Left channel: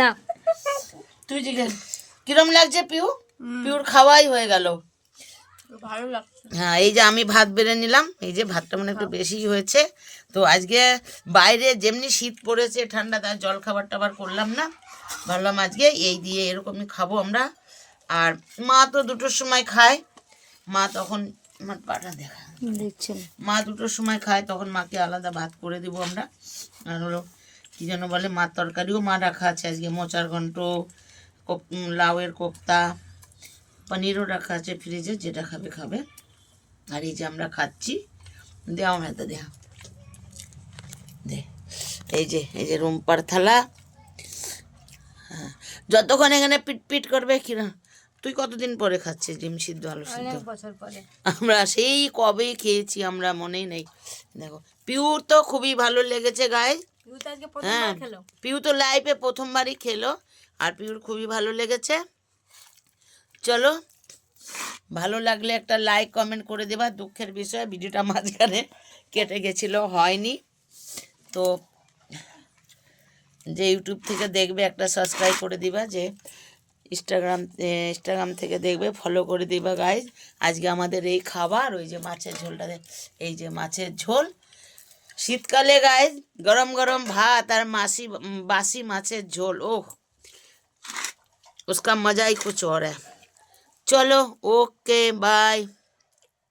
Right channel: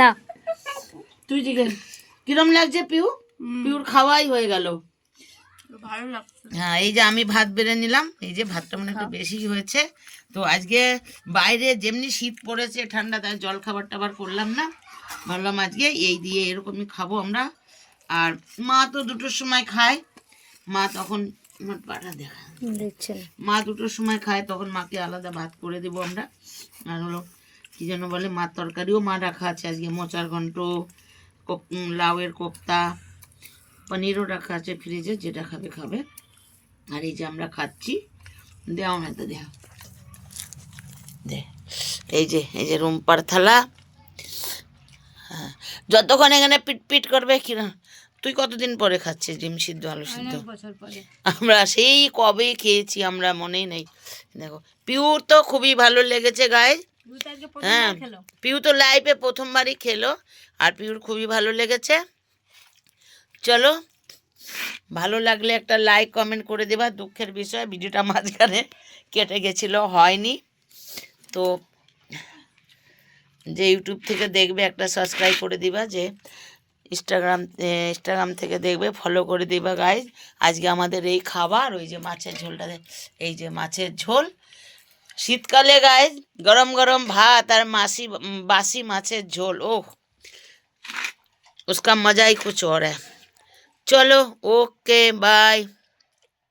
না তুই জিজ্ঞেস কিরম লাগছে পিউ? পিউর খাওয়াই হয়ে গেল। ভালো লাগছে। হ্যাঁ, এই যে আমি ভাত বেড়ে নিলাম, এই যে ভাতটা মানে একটু বেশি হয়েছে। তো আজকে বাইরে যেমনি শীত পড়েছে ঠান্ডা, তাই জল খাবার টাবার করলাম না, ভাবলাম আজকে এই দিয়ে এরকমই খাবো আমরা। আর মা তো 2টোর সময় খায়, মা তখন আমার পাটা দেখা দেখছেন, মা 2টোর সময় খায়, তখন মাকে আলাদা ভাত করে দেবো আমরা। আর হলো কী যেন বলে, মার তরকারিও মা রাখা আছে আজকে, মোচার ঘন্ট, লাউয়ের কোপ্তা, পনিরও রাখা আছে ফ্রিজে, যেটা খাবে খাবে। আর এই যে আমরা খাচ্ছি, দেওয়া না তো দেওয়া দে, এই যে রুম্পার থালা। হ্যাঁ, যতক্ষণ এখানে পিট পিট করবে কিনা। তুই কতদিন পরে খাচ্ছিস ডিম সিদ্ধ আলু সিদ্ধ? বছর পরে। আমরা সেই কবে খেয়েছি, আমরা মনেই নেই। দেখো, পিউর তো খুবই ভালো লেগেছে গায়ে। হ্যাঁ, পিউ তো লাইফে প্রথমবারই খেলো, আর পিউর খুবই ভালো লেগেছে। চলো, ভালো লাগলে একটা লাইক কমেন্ট করে দেবা। দুঃখের বিষয় ভিডিওটা মাঝখানে কেটে গেছিলো, হয়নি। তো যে ইউটিউব থেকে দেখবে একটা সাবস্ক্রাইব করে দিবা, যে ইনস্টাগ্রাম থেকে দেখবে ফলো করে দিবা গাইজ। আজকে আমাদের এই খাবার, ওই যে মাছের ঝোলটা, এই যে মাছের ঝোল শীতকালে গাইজ, গরম গরম ভাত আর বাসি মাছের ঝোল, ওহ उसका मज़ा ही कुछ और है। चलो, ओके, बाय।